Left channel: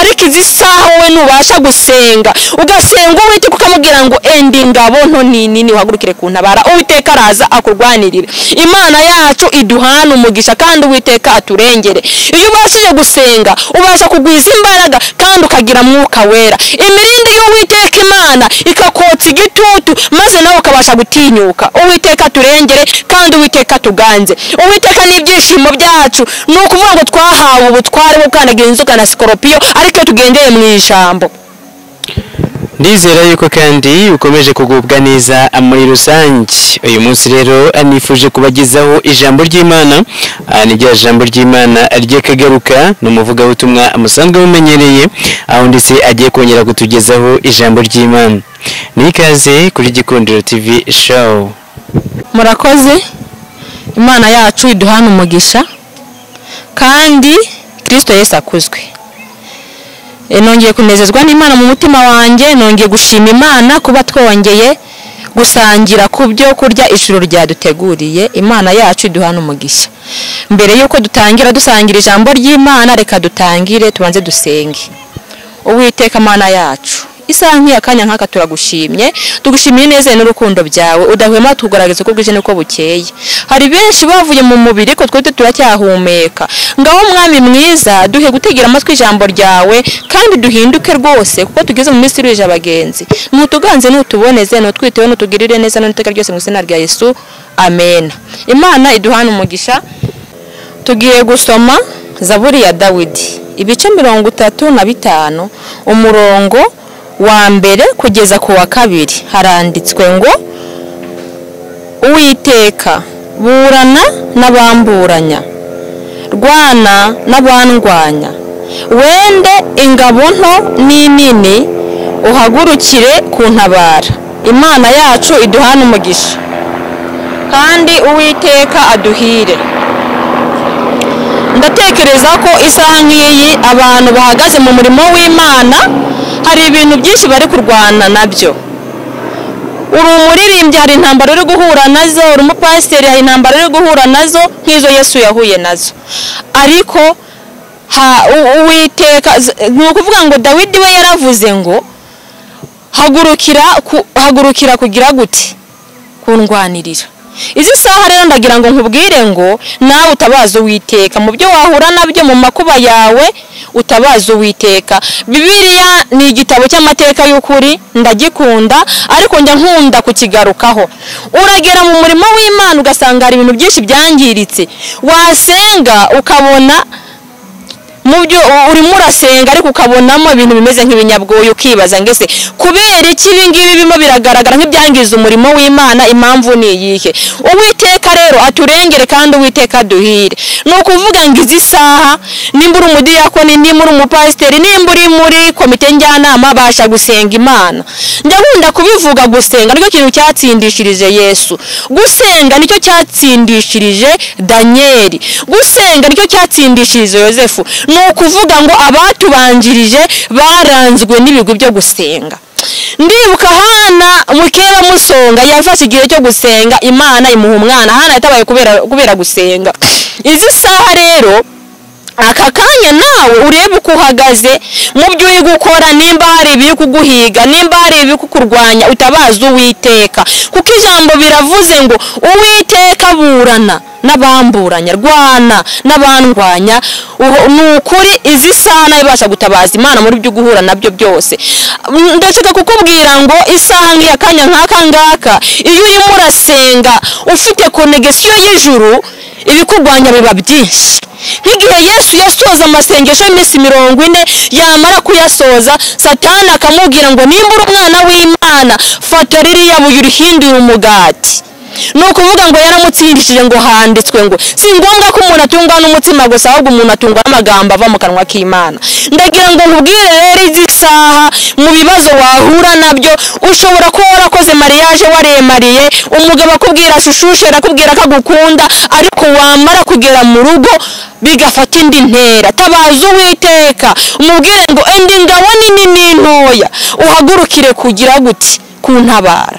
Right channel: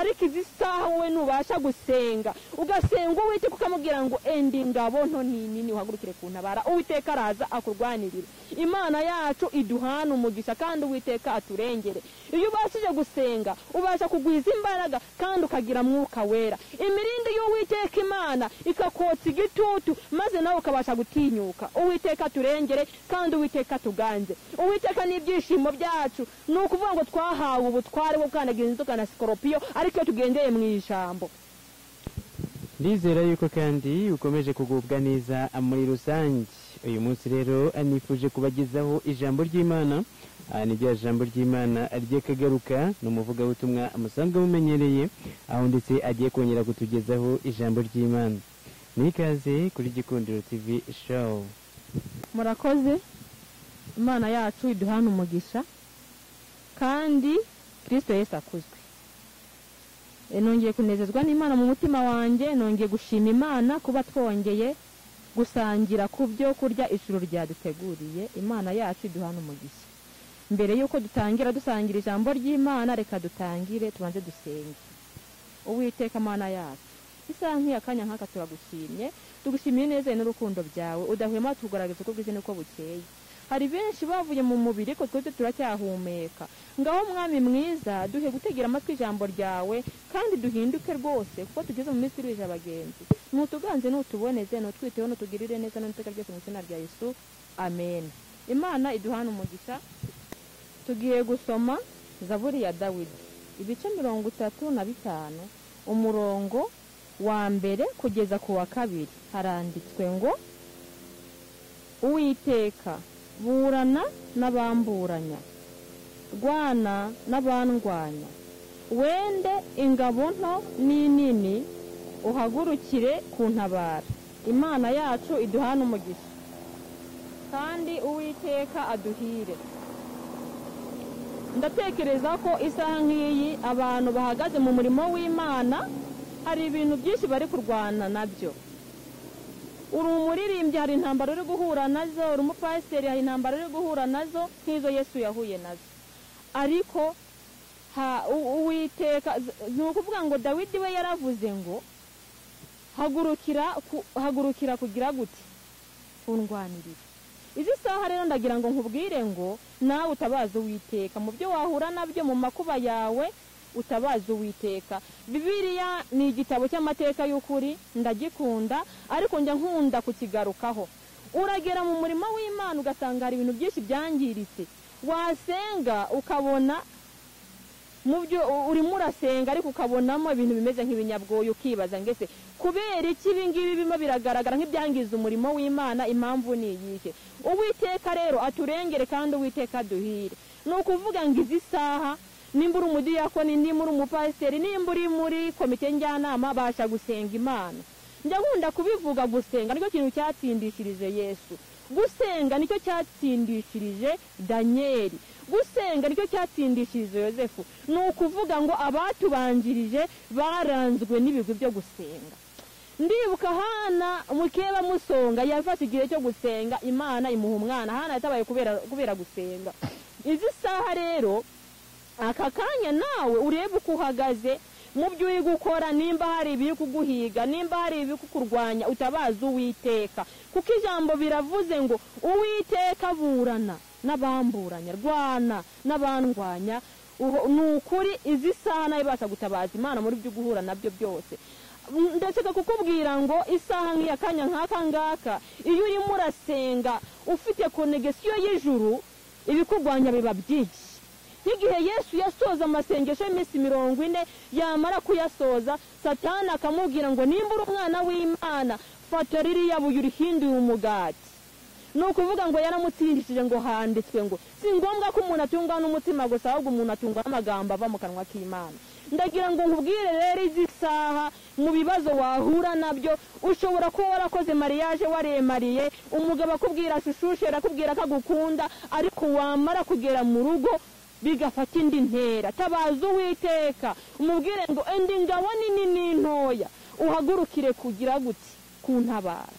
ariko izi saha wowe nubasha gusenga ugasenga Uwiteka ukamubwira ngo endi ngabo nto nini uhagurukire kuntabara Uwiteka araza akurwanirira Imana yacu iduhana umugisha kandi Uwiteka aturengere iyo ubashije gusenga ubasha kugwiza imbaraga kandi ukagira mwuka wera imirindi y'Uwiteka Imana ikakotsa igitutu maze nawe ukabasha gutinyuka Uwiteka aturengere kandi Uwiteka tuganze Uwiteka n'ibyishimo byacu nukuvuga ngo twahawe ubutware bwo kandagira inzoka na skoropiyo ariko tugendeye mu ijambo Ndizera yuko kandi ukomeje kugubwa neza muri rusange uyu munsi rero anifuje kubagezaho ijambo ry'Imana niryo jambo ry'Imana ryekagaruka n'umuvuga butumwa musanzwe mumenyereye aho ndetse agiye kongera kutugezaho ijambo ry'Imana nikaze kuri Gikundiro TV show murakoze Imana yacu iduhana umugisha kandi Kristo Yesu akuzwe nongeye kunezezwa n'Imana mu mutima wanjye nongeye gushima Imana kuba twongeye gusangira ku byo kurya ijuru ryaduteguriye Imana yacu iduhana umugisha mbere yuko dutangira dusangira ijambo ry'Imana reka dutangire tubanze dusenge Uwiteka Mana yacu isaha nk'iyakanya nk'aka turagushimye tugushimiye neza n'urukundo byawe udahwema tugaragaza ko bwije nuko bukeye hari benshi bavuye mu mubiri ko twete turacyahumeka ngaho mwami mwiza duhe gutegera amatwi ijambo ryawe kandi duhinduke rwose kuko tugeze mu minsi iruje abagenzi nutuganze nutuboneze nutwitewe nutugirire neza n'iteka ryose mu izina rya Yesu amen Imana iduhana umugisha tugiye gusoma Zaburi ya Dawidi ibice 35 umurongo wa mbere kugeza ku wa kabiri haranditswe ngo Uwiteka burana n'abamburanya rwana n'abandwanya wende ingabo nto n'inini uhagurukire kuntabara Imana yacu iduhana umugisha kandi Uwiteka aduhire ndatekereza ko isaha nk'iyi abantu bahagaze mu murimo w'Imana hari ibintu byinshi bari kurwana nabyo uri umuririmbyi hari intambara uri guhura nazo uri umupasiteri hari intambara uri guhura nazo nk'izo Yesu yahuye nazo ariko Uwiteka nukuvuga ngo Dawidi we yaravuze ngo hagurukira kugira gute kundwanirira izi saha rero ndagira ngo nkubwire ngo nawe utabaza Uwiteka mu byo wahura nabyo mu makuba yawe utabaza Uwiteka Bibiliya ni igitabo cy'amateka y'ukuri ndagikunda ariko njya nkunda kukigarukaho uragera mu murimo w'Imana ugasanga hari ibintu byinshi byangiritse wasenga ukabona mu byo urimo urasenga ariko ukabonamo ibintu bimeze nk'ibinyabwoyo ukibaza ngese kubera iki ibingibi bimo biragaragara nk'ibyangiza umurimo w'Imana impamvu ni iyihe Uwiteka rero aturengere kandi Uwiteka duhire nukuvuga ngo izi saha nimba uri umudiyakoni nimba uri umupasiteri nimba uri muri komite njyanama basha gusenga Imana ndakunda kubivuga gusenga nicyo kintu cyatsindishirije Yesu gusenga nicyo cyatsindishirije Daniel gusenga nicyo cyatsindishirije Yosefu nukuvuga ngo abatubanjirije baranzwe n'ibigwi byo gusenga ndibuka Hana mukeba musonga yafashe igihe cyo gusenga Imana imuha umwana Hana yatabaye kubera gusenga izi saha rero aka kanya nawe urebe uko uhagaze mu byo uri gukora nimba hari ibiri kuguhiga nimba hari ibiri kukurwanya utabaza Uwiteka kuko ijambo biravuze ngo Uwiteka burana n'abamburanya rwana n'abandwanya nukuri izi saha ibasha gutabaza Imana muri byo guhura nabyo byose ndashaka kukubwira ngo isaha nk'iyakanya nk'aka ngaka iyo urimo urasenga ufite connection y'ijuru ibikurwanya biba byinshi nk'igihe Yesu yasoza amasengesho y'imisi 40 yamara kuyasoza Satani akamubwira ngo nimba uri umwana w'Imana fata ririya buye urihindura umugati nukuvuga ngo yaramutsindishije ngo handitswe ngo si ngombwa ko umuntu atungwa n'umutima gusa ahubwo umuntu atungwa n'amagambo ava mu kanwa k'Imana ndagira ngo nkubwire rero izi saha mu bibazo wahura nabyo ushobora ko warakoze mariage waremariye umugabo akubwira shushushe akubwira ko agukunda ariko wamara kugera mu rugo bigafata indi ntera tabaza Uwiteka umubwire ngo endi ngabo nini n'intoya uhagurukire kugira gute kuntabara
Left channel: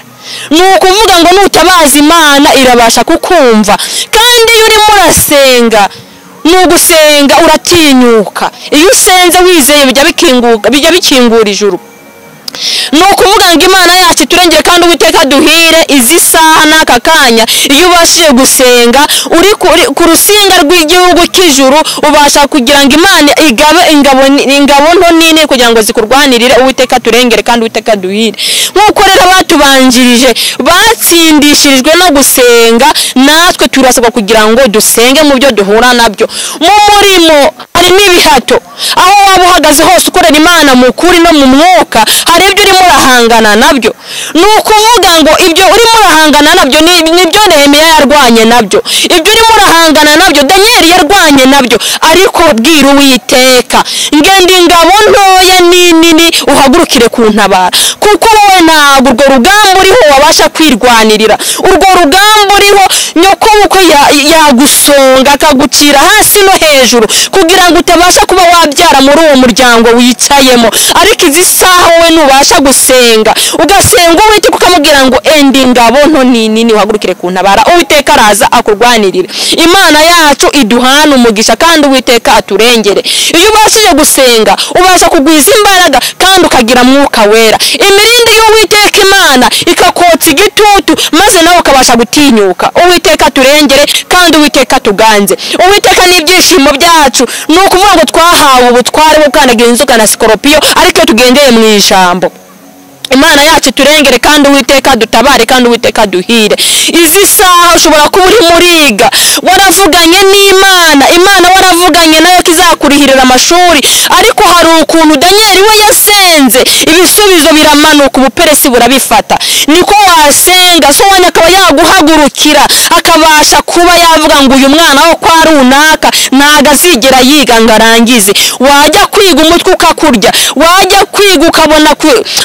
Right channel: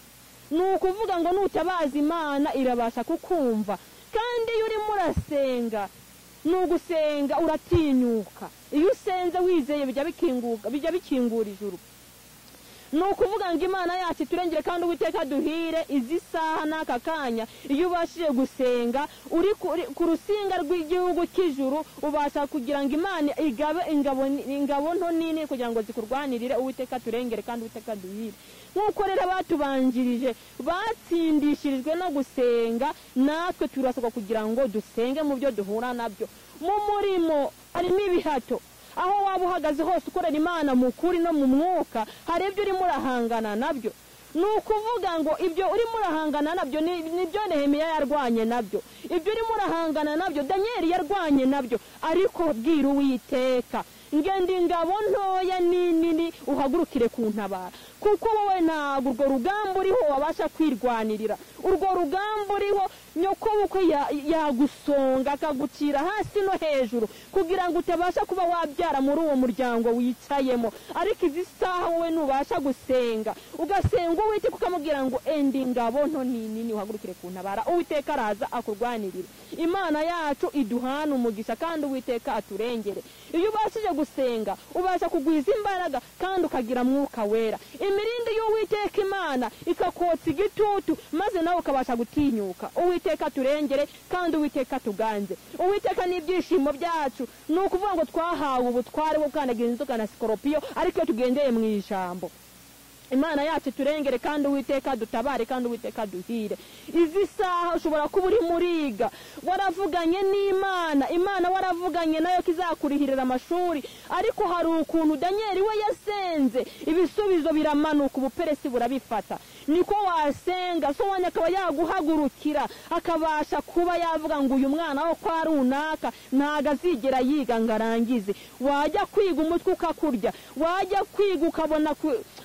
nukuvuga ngo nutabaza Imana irabasha kukumva kandi iyo urimo urasenga nugusenga uratinyuka. Iyo usenze wizeye bijya bikingura ijuru. Nukuvuga ngo Imana yacu turengere kandi Uwiteka duhire izi saha n'aka kanya. Iyo ubashije gusenga uri ku rusinga rw'igihugu cy'ijuru, ubasha kugira ngo Imana igabe ingabo nto nini kugira ngo zikurwanirire. Uwiteka turengere kandi Uwiteka duhire. Nkuko rero batubanjirije batsindishirijwe no gusenga, natwe turasabwa kugira ngo dusenge mu byo duhura nabyo. Mu murimo hari n'ibihato, aho waba uhagaze hose ukorera Imana mu kuri no mu mwuka, hari ibyo urimo urahangana nabyo. Nukuvuga ngo ibyo urimo urahangana nabyo nibyo Nehemiya yarwanye nabyo, ibyo urimo urahangana nabyo Danieli yarwanye nabyo. Ariko bwira Uwiteka ngende ingabo ntoya nini uhagurukire kuntabara, kuko wowe ntabwo urwo rugamba uriho wabasha kwirwanirira. Urwo rugamba uriho nyoko uko yagusonga akagucira hasi no hejuru kugira ngo utabasha kuba wabyara muri uwo muryango wicayemo. Ariko izi saha wowe nubasha gusenga, ugasenga Uwiteka ukamubwira ngo endi ngabo nto nini uhagurukire kuntabara, Uwiteka araza akurwanirira. Imana yacu iduhana umugisha kandi Uwiteka aturengere. Iyo ubashije gusenga ubasha kugwiza imbaraga kandi ukagira mwuka wera. Imirindi y'Uwiteka Imana ikakotsa igitutu, maze nawe ukabasha gutinyuka. Uwiteka aturengere kandi Uwiteka tuganze. Uwiteka n'ibyishimo byacu, nukuvuga ngo twahawe ubutware bwo kandagira inzoka na sikoropiyo, ariko tugendeye mu ijambo. Imana yacu turengere kandi Uwiteka dutabare kandi Uwiteka duhire. Izi saha ushobora kuba uri muriga waravuganye n'Imana, Imana waravuganye nayo kizakurihirira amashuri, ariko hari ukuntu Danieli we yasenze ibisubizo biramanuka, ubuperesi burabifata. Niko wasenga so wanya akaba yaguhagurukira, akabasha kuba yavuga ngo uyu mwana wo kwa runaka ntago azigera yiga ngarangize. Wajya kwiga umutwe ukakurya, wajya kwiga ukabona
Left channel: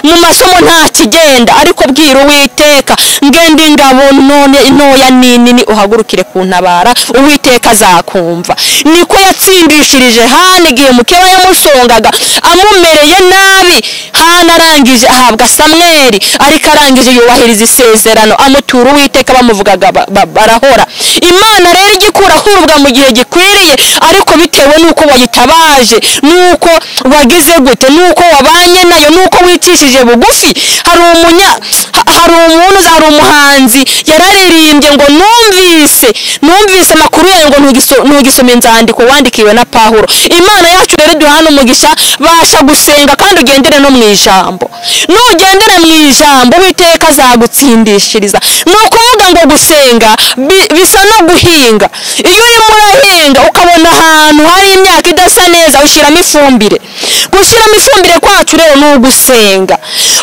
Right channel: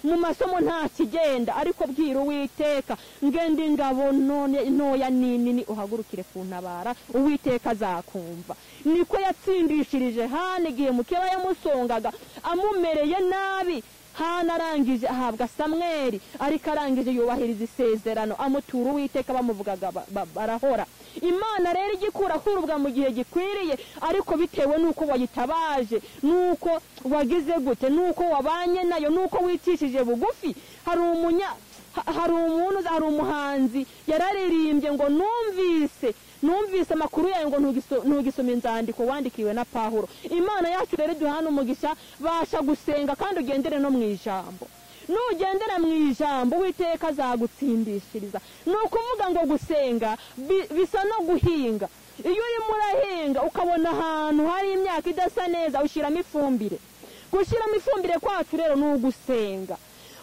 mu masomo nta kigenda, ariko bwira Uwiteka ngende ingabo ntoya nini uhagurukire kuntabara, Uwiteka azakumva. Niko yatsindishirije Hana igihe mukeba yamusongaga amumereye nabi. Hana arangije ahabwa Samweli, ariko arangije yubahiriza isezerano, amutura Uwiteka bamuvugaga barahora. Imana rero igikura hurubwa mu gihe gikwiriye, ariko bitewe nuko wayitabaje, nuko wagize gute, nuko wabanye nayo, nuko wicishije bugufi. Hari umuhanzi yararirimbye ngo numvise amakuru yayo ngo ntugisome inzandiko wandikiwe na Pawulo. Imana yacu rero duhana umugisha, basha gusenga kandi ugendere no mu ijambo. Nugendere mu ijambo Uwiteka azagutsindishiriza. Nukuvuga ngo gusenga bisa no guhinga. Iyo urimo urahinga ukabona ahantu hari imyaka idasa neza, ushyiramo ifumbire. Gushyiramo ifumbire kwacu rero ni ugusenga.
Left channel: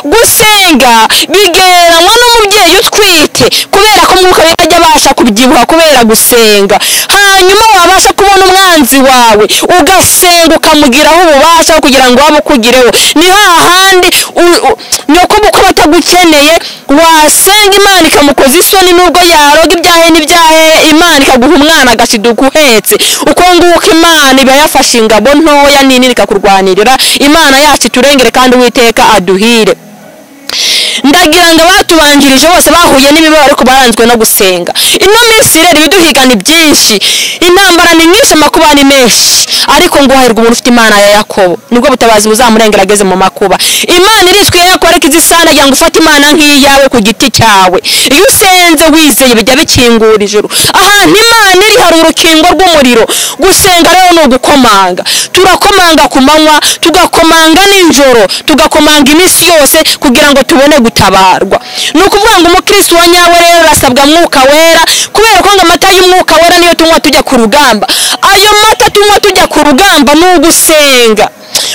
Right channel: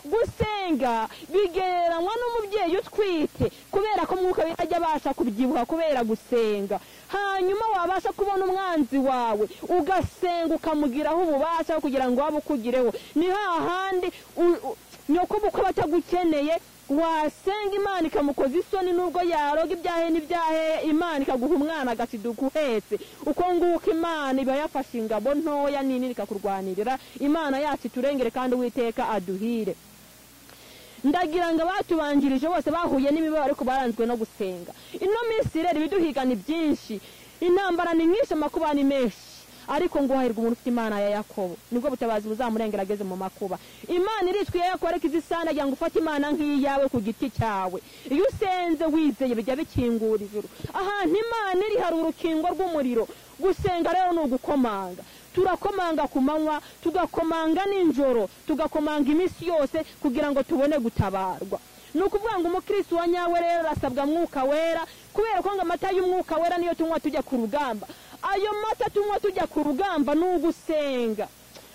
Gusenga bigereranywa n'umubyeyi utwite, kubera ko umwuka we ajya abasha kubyibuha kubera gusenga. Hanyuma wabasha kubona umwanzi wawe ugasenga ukamugiraho ububasha kugira ngo wabukugireho. Ni hahandi nyoko buko batagukeneye wasenga Imana ikamukoza isoni, nubwo yaroga ibyahe n'ibyahe Imana ikaguha umwana agashiduka uhetse. Uko nguko Imana iba yafashe ingabo ntoya nini ikakurwanirira. Imana yacu turengere kandi Uwiteka aduhire. Ndagira ngo batubanjirije bose bahuye n'ibibaro ariko baranzwe no gusenga. Ino minsi rero ibiduhigana byinshi, intambara ni nyinshi, amakuba ni menshi, ariko ngo hahirwa umuntu ufite Imana ya Yakobo, nibwo butabazi buzamurengera ageze mu makuba. Imana iriswe yakora kizisana yangu ufata Imana nk'iyawe ku giti cyawe. Iyo usenze wizeye bijya bikingura ijuru. Ahantu Imana iri hari urukingo rw'umuriro. Gusenga rero no gukomanga. Turakomanga ku manywa, tugakomanga n'injoro, tugakomanga iminsi yose kugira ngo tubone gutabarwa. Nukuvuga ngo umukristo wa nyawe rero rasabwa mwuka wera, kubera ko ngo amata y'umwuka wera niyo tunywa tujya ku rugamba. Ayo mata tunywa tujya ku rugamba ni ugusenga.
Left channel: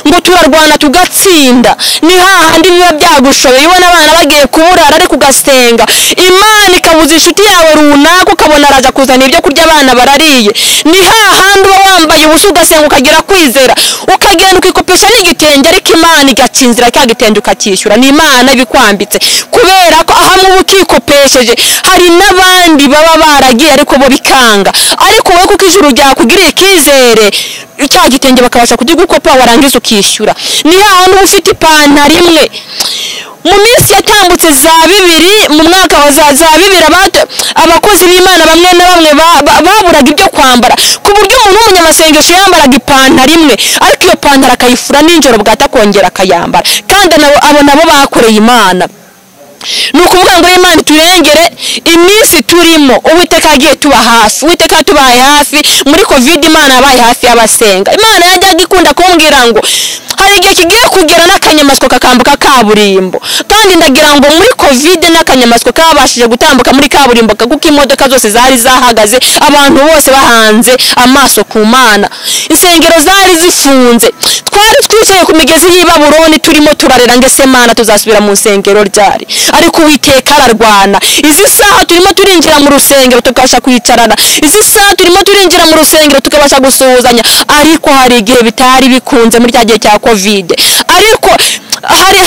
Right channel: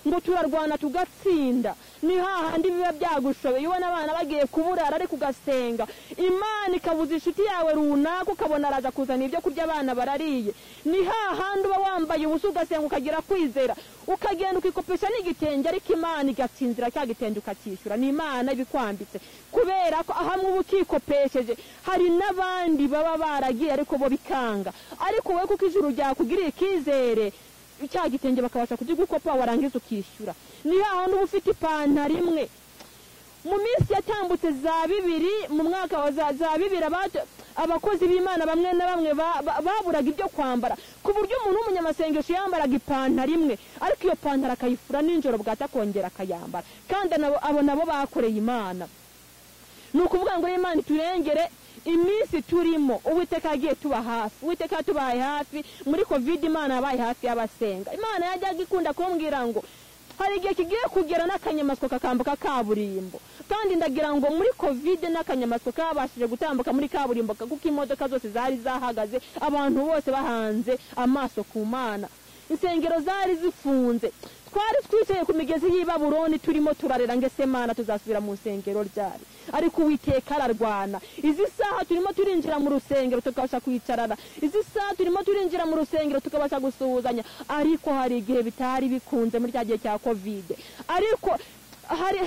Ngo turarwana tugatsinda. Ni hahandi biba byagushoboye ubona abana bagiye kuburara ariko ugasenga, Imana ikabuza inshuti yawe runaka ukabona araza kuzana ibyo kurya abana barariye. Ni hahandi uba wambaye ubusa ugasenga ukagira kwizera, ukagenda ukikopesha n'igitenge, ariko Imana igacinzira cya gitenge ukacyishyura. Ni Imana ibikwambitse, kubera ko ahamwe ukikopesheje hari n'abandi baba baragiye ariko bo bikanga. Ariko wowe kuko ijuru ryakugiriye ikizere, cya gitenge bakabasha kugikopa warangiza ukishyura. Ni hahandi ufite ipantaro imwe mu minsi yatambutse za 2 mu mwaka wa za 2 abakozi b'Imana bamwe na bamwe baburaga ibyo kwambara ku buryo umuntu w'umunyamasengesho yambaraga ipantaro imwe ariko iyo pantaro akayifura ninjoro bwata kongera akayambara kandi abo nabo bakoreye Imana. Nukuvuga ngo Imana turengere iminsi turimo Uwiteka agiye tuba hafi. Uwiteka tubaye hafi muri Covid. Imana yabaye hafi y'abasenga. Imana yajyaga ikunda kumbwira ngo hari igihe kigiye kugera n'akanyamaswa kakambuka kaburimbo kandi ndagira ngo muri Covid n'akanyamaswa kabashije gutambuka muri kaburimbo kuko imodoka zose zari zahagaze abantu bose bahanze amaso ku Mana. Insengero zari zifunze twari twicaye ku migezi y'i Babuloni turimo turarera ngese Mana tuzasubira mu nsengero ryari ariko Uwiteka ararwana. Izi saha turimo turinjira mu rusengero tukabasha kwicarana, izi saha turimo turinjira mu rusengero tukabasha gusuhuzanya ariko hari igihe bitari bikunze muri cyagiye cya Covid ariko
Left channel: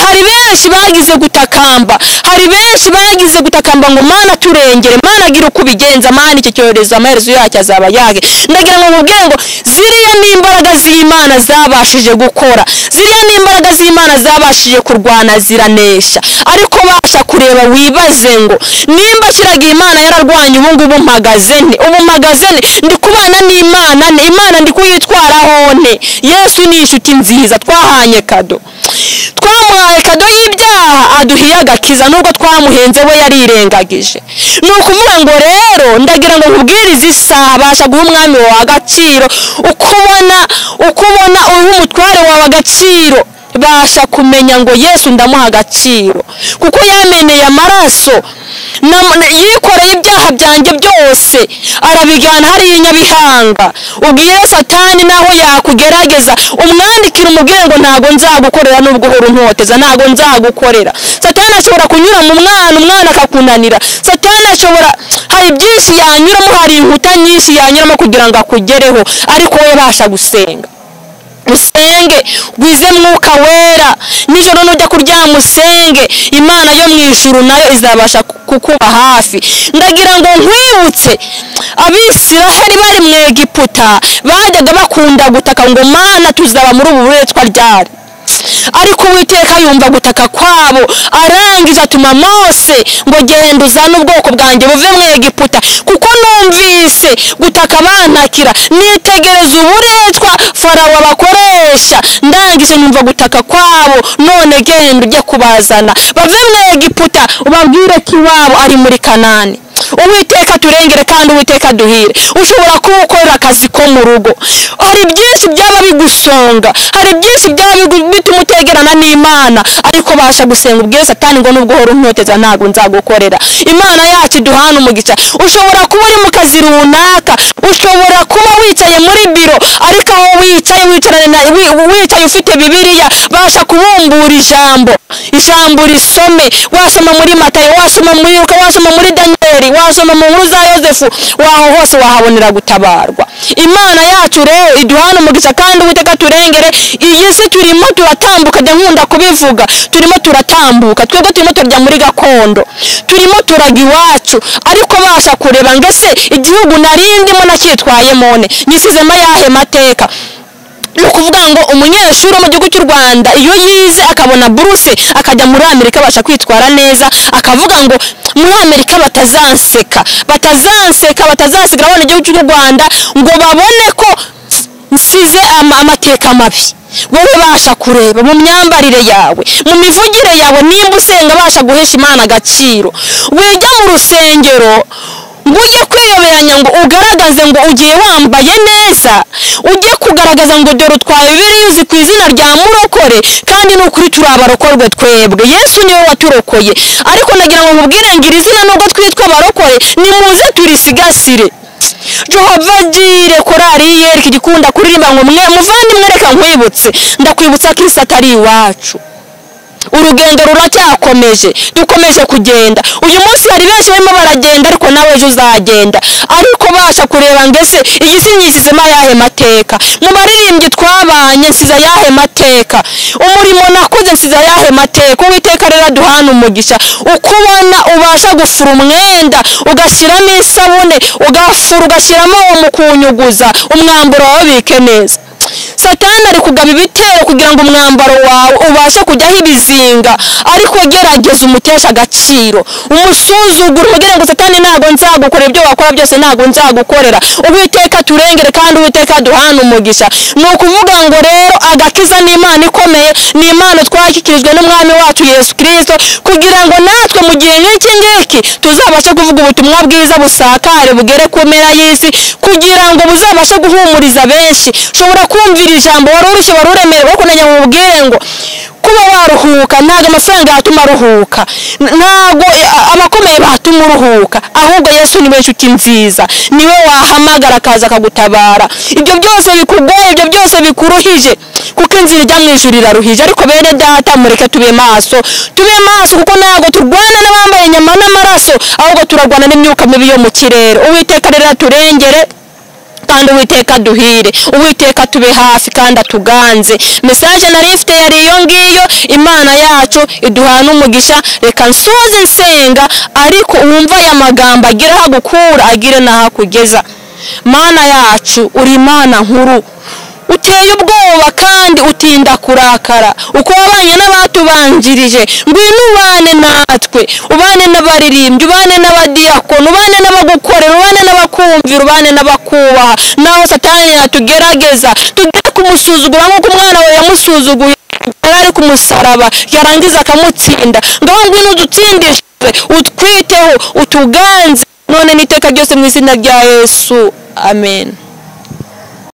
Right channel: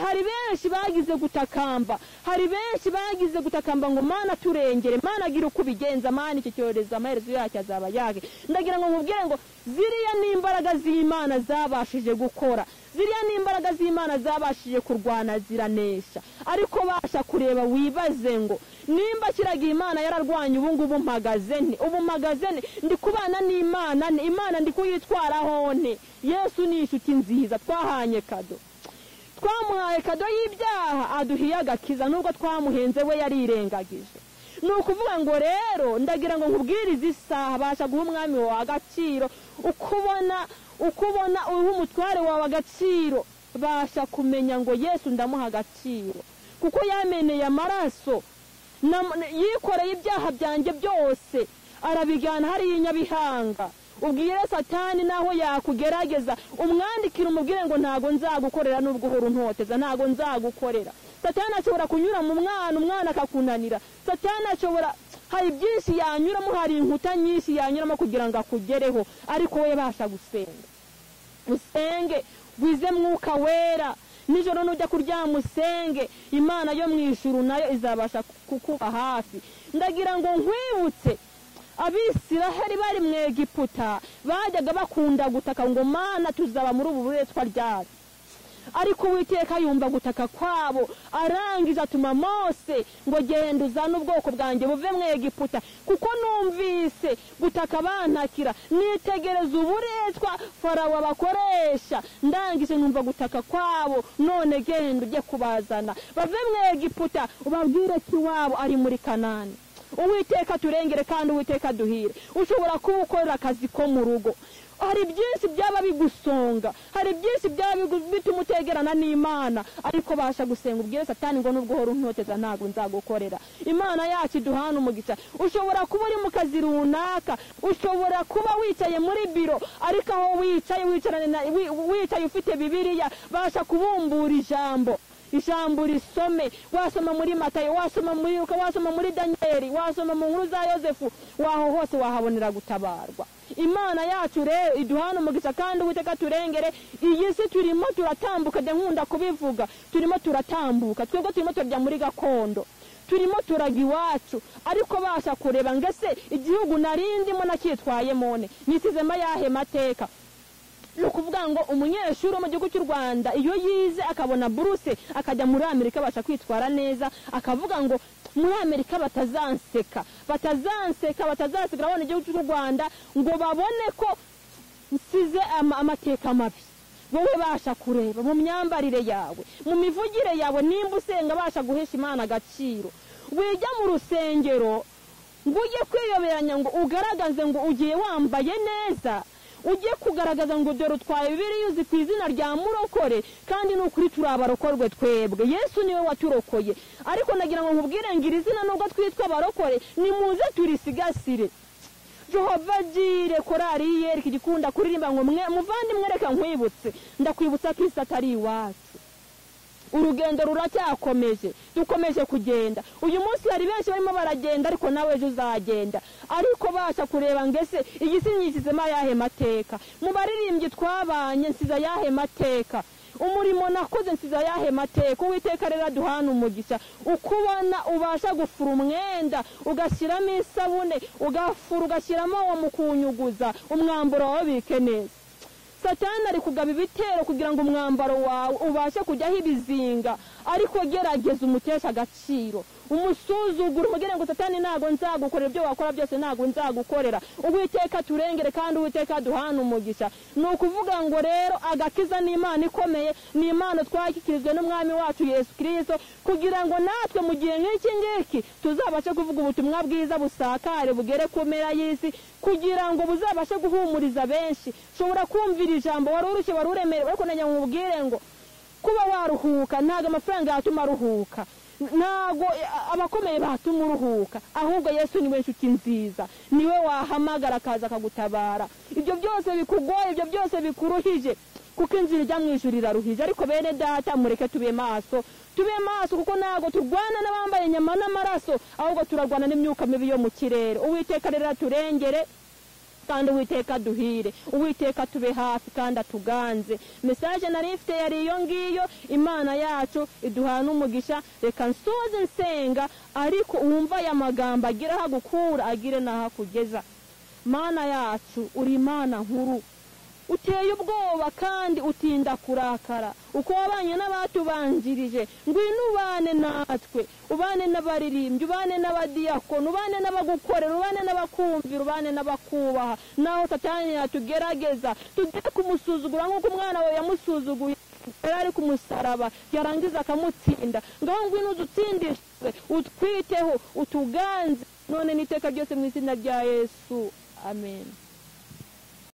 hari benshi bagize gutakamba, hari benshi bagize gutakamba ngo Mana turengere, Mana agira uko bigenza, Mana icyo cyorezo amaherezo yacyo azaba yage. Ndagira ngo mubwire ngo ziriya n'imbaraga z'Imana zabashije gukora, ziriya n'imbaraga z'Imana zabashije kurwana ziranesha ariko basha kureba wibaze ngo nimba kiragiye Imana yararwanye ubungubu mpagazene ndi kubana n'Imana Imana ndi kuyitwaraho nte. Yesu ni inshuti nziza twahanye kado, twamuhaye kado y'ibyaha aduhiye agakiza nubwo twamuhenze we yarirengagije. Nukuvuga ngo rero ndagira ngo nkubwirize isaha basha guha umwami wawe agaciro, ukubona uyu mutware wawe agaciro basha kumenya ngo Yesu ndamuha agaciro kuko yameneye amaraso yikoreye ibyaha byanjye byose arabigana hari Nyabihanga. Ubwire Satani naho yakugerageza umwandikira umubwire ngo ntago nzagukorera nubwo uhora untoteza, ntago nzagukorera. Satani ashobora kunyura mu umwana akakunanira, Satani ashobora hari byinshi yanyuramo, hari inkuta nyinshi yanyuramo kugira ngo akugereho ariko we basha gusenga. Musenge gwize mwuka wera nijoro nujya kuryama usenge, Imana yo mwijuru nayo izabasha kukuba hafi. Ndagira ngo nkwibutse Abisiraheli bari mu Egiputa bajyaga bakunda gutaka ngo Mana tuzaba muri ubu buretwa ryari ariko Uwiteka yumva gutaka kwabo arangije atuma Mose ngo genda uzane ubwoko bwanjye buve mu Egiputa kuko numvise gutaka bantakira nitegereza uburetwa Farawo abakoresha ndangije nyumva gutaka kwabo none genda ujye kubazana bave mu Egiputa ubabwire ko iwabo ari muri Kanani. Uwiteka turengere kandi Uwiteka duhire. Ushobora kuwukorera akazi ko mu rugo, hari byinshi byaba bigusonga, hari byinshi byaba bitumutegerana n'Imana ariko basha gusenga ubwire Satani ngo nubwo horo untoteza ntago nzagukorera. Imana yacu duhana umugisha. Ushobora kuba uri mu kazi runaka, ushobora kuba wicaye muri biro ariko aho wicaye ufite Bibiliya basha kubumbura ijambo risome, wasoma muri Matayo, wasoma muri Luka, wasoma muri Danieli, wasoma mu nkuru za Yosefu, waho hose wahabonera gutabarwa. Imana yacu rero iduhana umugisha kandi Uwiteka turengere. Iyi si turimo turatambuka nkunda kubivuga, turimo turatambuka twebwe turimo turya muri gakondo, turimo turaga iwacu ariko basha kureba ngese igihugu narindimo nacyitwaye mone nyisizema yahe mateka. Nukuvuga ngo umunyeshuri mu gihugu cy'u Rwanda iyo yize akabona buruse akajya muri Amerika basha kwitwara neza akavuga ngo muri Amerika batazanseka abone igihugu cy'u Rwanda ngo babone ko nsize amateka mabi. Wowe basha kureba mu myambarire yawe, mu mivugire yawe, nimba usenga basha guhesha Imana agaciro. Wejya mu rusengero ujye kwiyoberanya ngo ugaragaze ngo ugiye wambaye neza, ujye kugaragaza ngo dore utwaye Bibiliya uzi ku izina rya murokore kandi n'ukuri turabarokorwe twebwe. Yesu niwe waturokoye ariko nagira ngo nkubwire ngira izina nubwo twitwa abarokore nimuze turisigasire. Jehova jire korari yereka igikunda kuririmba ngo muvandimwe reka nkwibutse ndakwibutsa Kristo atari iwacu. Urugendo ruracyakomeje, dukomeje kugenda. Uyu munsi hari benshi barimo baragenda ariko nawe ejo uzagenda ariko basha kureba ngese iyi si nyisizema yahe mateka. Mu baririmbyi twabanye nsiza yahe mateka, umurimo nakoze nsiza yahe mateka. Uwiteka rero duhana umugisha ukubona ubasha gufura umwenda ugashyiramo isabune ugafura ugashyiramo umukunyuguza umwambaro wawe bike neza. Satani ari kugaba ibitero kugira ngo umwambaro wawe ubashe kujyaho ibizinga, ariko gerageza umutesha agaciro, umusuzugura umugire ngo Satani ntago nzagukorera ibyo wakora byose, ntago nzagukorera. Uwiteka turengere kandi Uwiteka duhana umugisha. Ni ukuvuga ngo rero agakiza ni Imana ikomeye, ni Imana twashyikirijwe n'Umwami wacu Yesu Kristo, kugira ngo natwe mu gihe nk'iki ngiki tuzabashe kuvuga ubutumwa bwiza busakare bugere ku mpera y'isi, kugira ngo buzabashe guhumuriza benshi. Ushobora kumvira ijambo wari urushye, wari uremerewe, ariko nanya mubwire ngo kuba waruhuka ntago amafaranga yatuma ruhuka, ntago abakomeye batuma uruhuka, ahubwo Yesu niwe nshuti nziza, niwe wahamagara akaza akagutabara. Ibyo byose bikugoye, ibyo byose bikuruhije, kuko inzira ijya mu ijuru iraruhije. Ariko bene data mureke tube maso, kuko ntago turwana n'abambaye inyama n'amaraso, ahubwo turagwana n'imyuka mibi yo mu kirere. Uwiteka rero turengere kandi Uwiteka duhire, Uwiteka tube hafi kandi atuganze. Message narifite yari iyo ngiyo. Imana yacu iduhana umugisha. Reka nsoze nsenga, ariko uwumva aya magambo agira aho gukura, agire naho kugeza. Mana yacu uri Imana nkuru, uteye ubwoba kandi utinda kurakara, uko wabanye n'abatubanjirije. Ngwino ubane natwe, ubane n'abaririmbyi, ubane n'abadiyakoni, ubane n'abagukorera, ubane n'abakumvira, ubane n'abakubaha. Naho Satani yatugerageza tugere kumusuzugura nk'uko umwana we yamusuzuguye ari ku musaraba, yarangiza akamutsinda. Ngaho ngwino udutsindishe, utwiteho, utuganze none n'iteka ryose mu izina rya Yesu. Amen.